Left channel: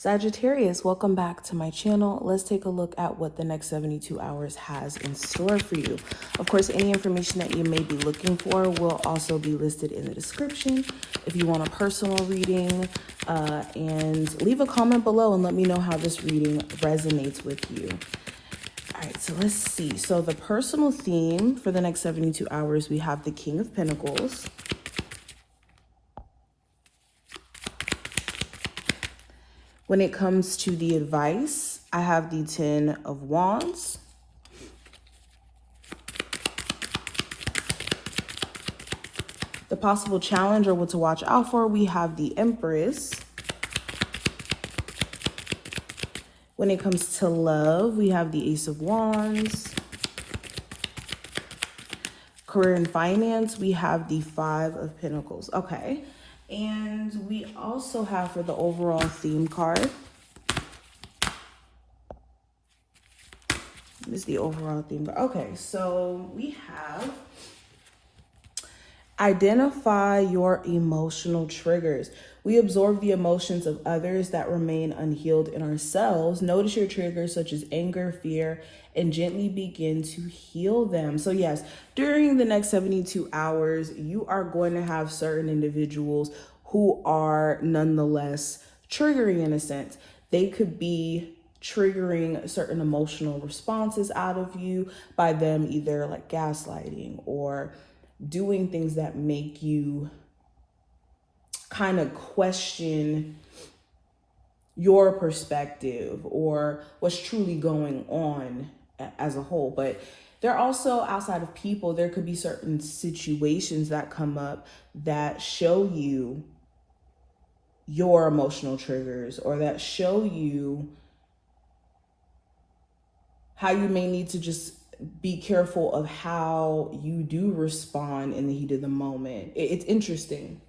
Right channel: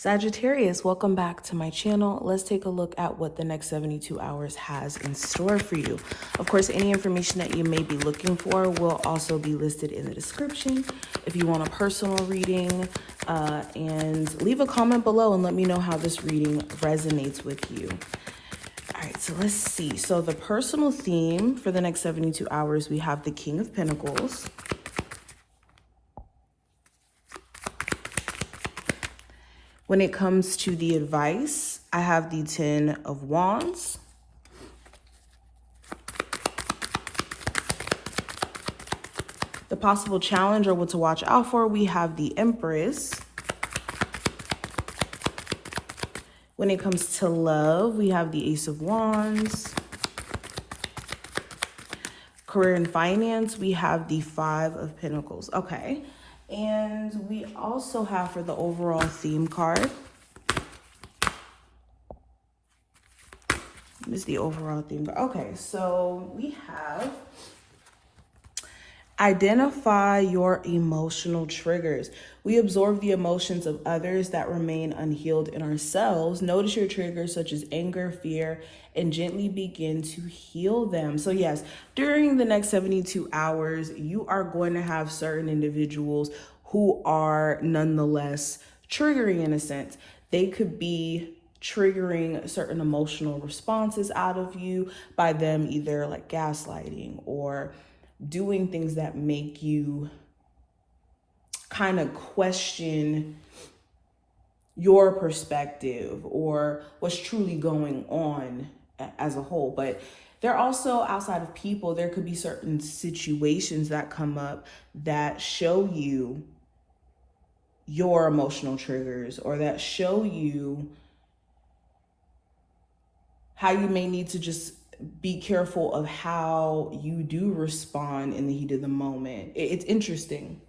Sagittarius, welcome back to my channel. Let's take a look at what the next 72 hours has in store for you. Of course, any information that you may be looking for will also be listed in the description. If you want a personal reading, and leave a comment below and let me know how this reading resonates with you. All right, so let's see. So the personal theme for the next 72 hours, we have the King of Pentacles. When it comes to the advice, I have the 10 of Wands. The possible challenge or what to watch out for, we have the Empress. When it comes to love, we have the Ace of Wands. Career and finance, we have the 5 of Pentacles. Okay. And we also have for the overall theme card. This is the overall theme card. Okay, so we have identify your emotional triggers. We absorb the emotions of others that remain unhealed in ourselves. Notice your triggers such as anger, fear, and gently begin to heal them. So yes, during the next 72 hours, you are going to have certain individuals who are nonetheless triggering in a sense. They could be triggering certain emotional responses out of you by them either like gaslighting or doing things that make you kind of question your perspective or what's truly going on as a whole. But they're also outside of people. There could be certain situations that come up that show you your emotional triggers or that show you how you may need to just be careful of how you do respond in the heat of the moment. It's interesting.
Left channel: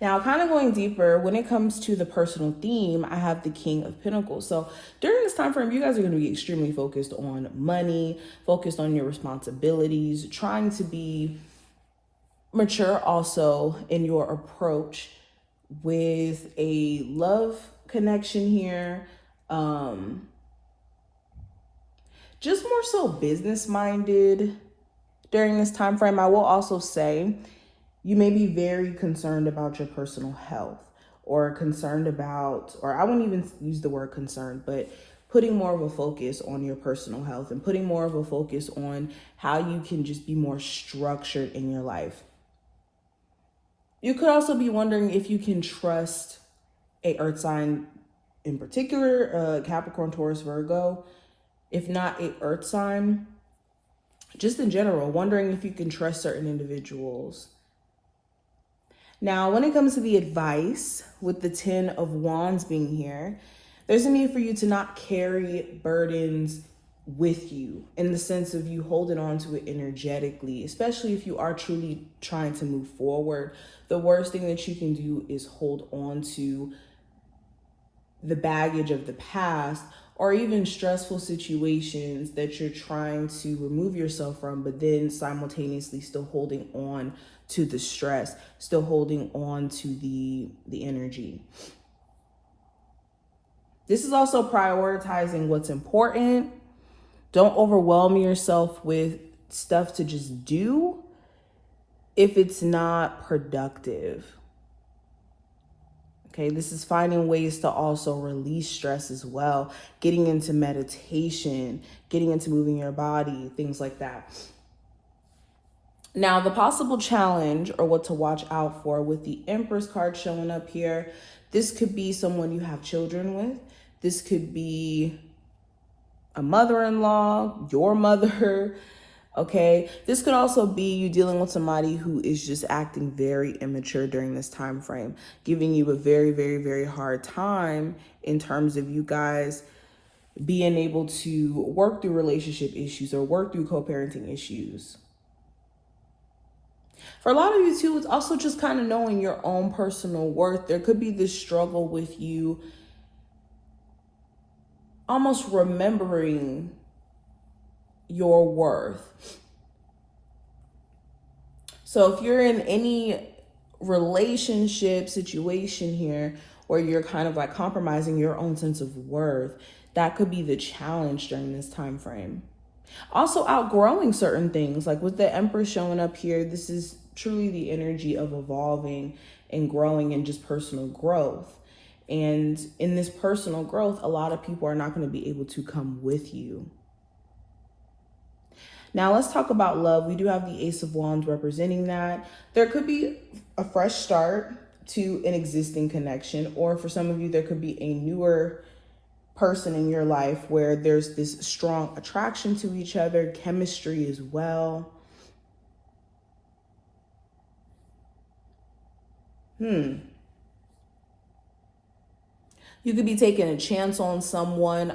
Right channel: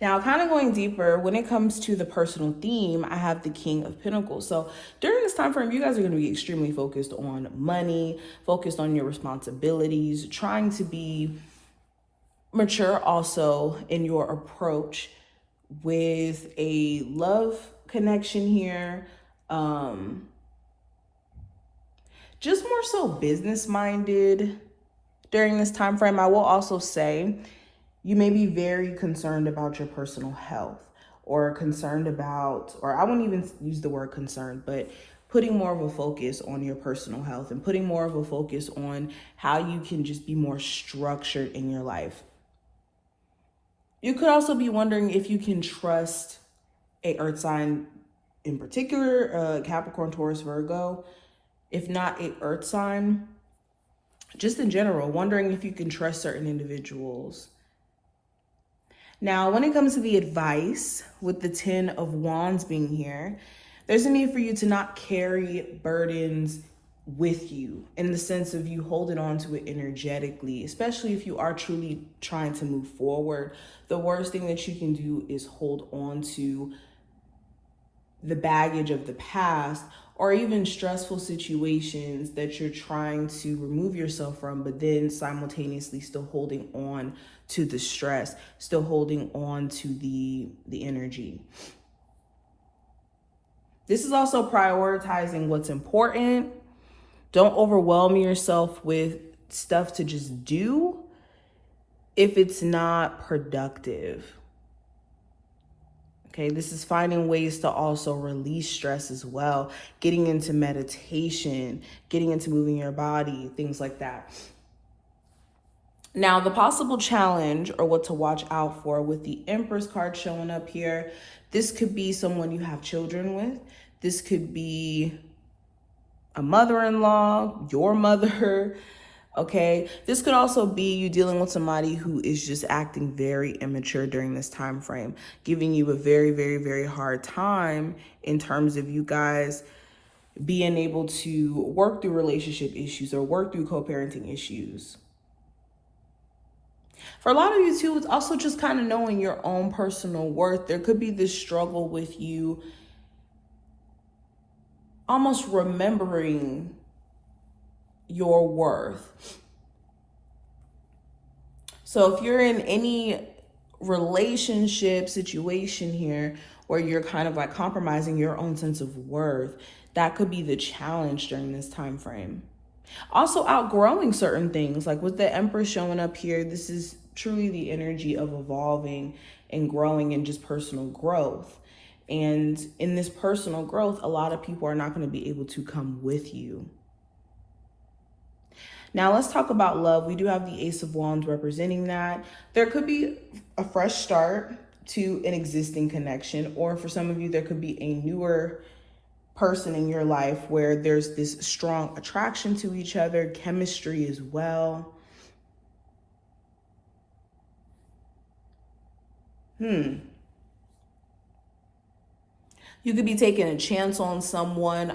Now, kind of going deeper, when it comes to the personal theme, I have the King of Pentacles. So during this time frame, you guys are going to be extremely focused on money, focused on your responsibilities, trying to be mature also in your approach with a love connection here. Just more so business minded during this time frame. I will also say you may be very concerned about your personal health or concerned about, or I won't even use the word concerned, but putting more of a focus on your personal health and putting more of a focus on how you can just be more structured in your life. You could also be wondering if you can trust a earth sign in particular, Capricorn, Taurus, Virgo. If not a earth sign, just in general, wondering if you can trust certain individuals. Now, when it comes to the advice, with the 10 of Wands being here, there's a need for you to not carry burdens with you in the sense of you holding on to it energetically, especially if you are truly trying to move forward. The worst thing that you can do is hold on to the baggage of the past or even stressful situations that you're trying to remove yourself from, but then simultaneously still holding on to the stress, still holding on to the energy. This is also prioritizing what's important. Don't overwhelm yourself with stuff to just do if it's not productive. Okay, this is finding ways to also release stress as well, getting into meditation, getting into moving your body, things like that. Now, the possible challenge or what to watch out for with the Empress card showing up here, this could be someone you have children with. This could be a mother-in-law, your mother. Okay, this could also be you dealing with somebody who is just acting very immature during this time frame, giving you a very, very, very hard time in terms of you guys being able to work through relationship issues or work through co-parenting issues. For a lot of you too, it's also just kind of knowing your own personal worth. There could be this struggle with you almost remembering your worth. So if you're in any relationship situation here, or you're kind of like compromising your own sense of worth. That could be the challenge during this time frame. Also, outgrowing certain things, like with the Empress showing up here, this is truly the energy of evolving and growing and just personal growth. And in this personal growth, a lot of people are not going to be able to come with you. Now let's talk about love. We do have the Ace of Wands representing that. There could be a fresh start to an existing connection, or for some of you, there could be a newer person in your life where there's this strong attraction to each other, chemistry as well. You could be taking a chance on someone.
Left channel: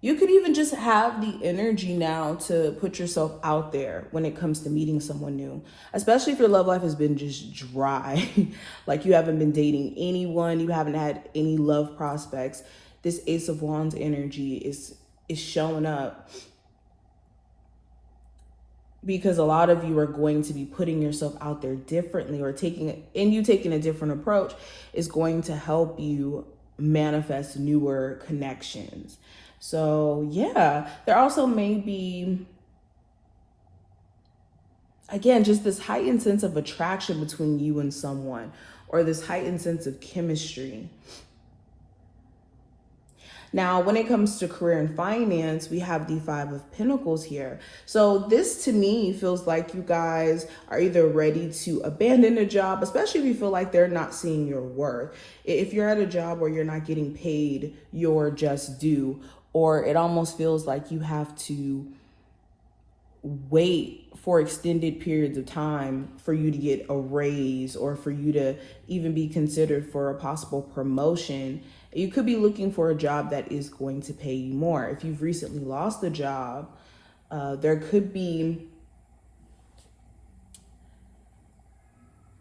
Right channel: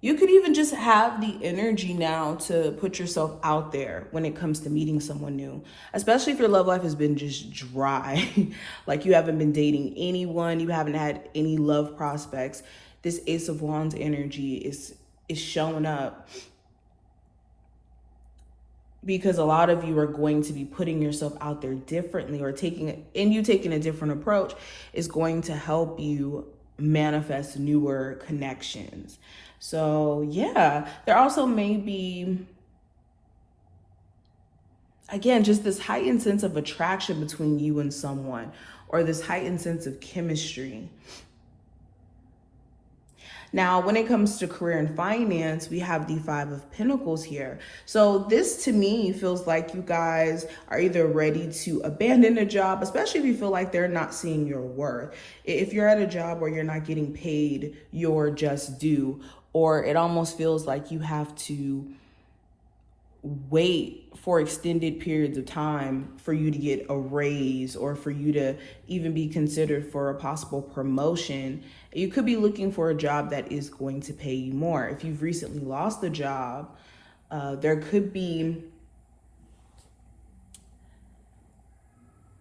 You could even just have the energy now to put yourself out there when it comes to meeting someone new, especially if your love life has been just dry. Like you haven't been dating anyone, you haven't had any love prospects. This Ace of Wands energy is shown up because a lot of you are going to be putting yourself out there differently, or taking a different approach is going to help you manifest newer connections. So yeah, there also may be, again, just this heightened sense of attraction between you and someone, or this heightened sense of chemistry. Now, when it comes to career and finance, we have the Five of Pentacles here. So this to me feels like you guys are either ready to abandon a job, especially if you feel like they're not seeing your worth. If you're at a job where you're not getting paid your just due, or it almost feels like you have to wait for extended periods of time for you to get a raise, or for you to even be considered for a possible promotion, you could be looking for a job that is going to pay you more. If you've recently lost a job, there could be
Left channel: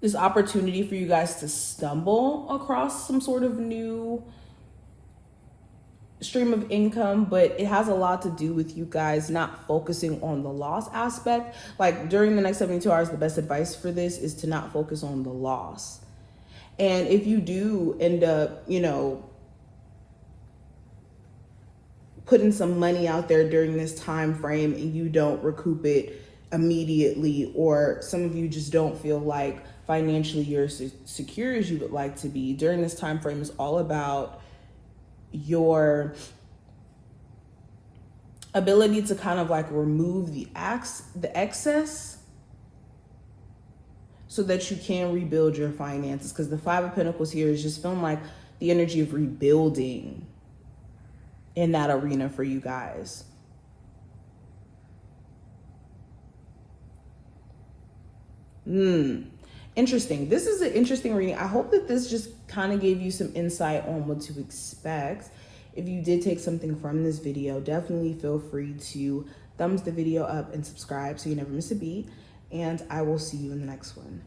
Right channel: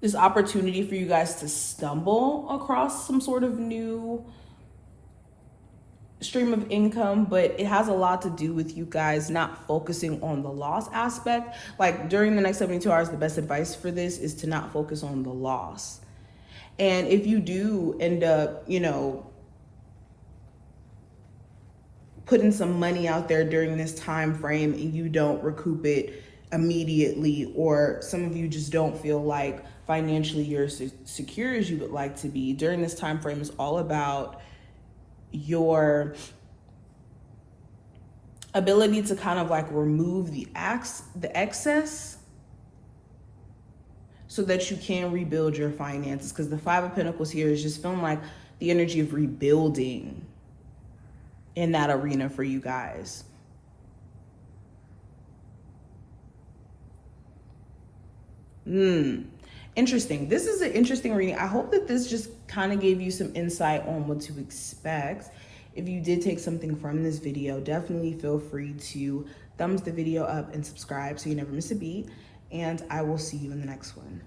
this opportunity for you guys to stumble across some sort of new stream of income, but it has a lot to do with you guys not focusing on the loss aspect. Like during the next 72 hours, the best advice for this is to not focus on the loss. And if you do end up, putting some money out there during this time frame and you don't recoup it immediately, or some of you just don't feel like financially you're as secure as you would like to be, during this time frame is all about your ability to kind of like remove the excess so that you can rebuild your finances. Because the Five of Pentacles here is just feeling like the energy of rebuilding in that arena for you guys. Interesting. This is an interesting reading. I hope that this just kind of gave you some insight on what to expect. If you did take something from this video, definitely feel free to thumbs the video up and subscribe so you never miss a beat. And I will see you in the next one.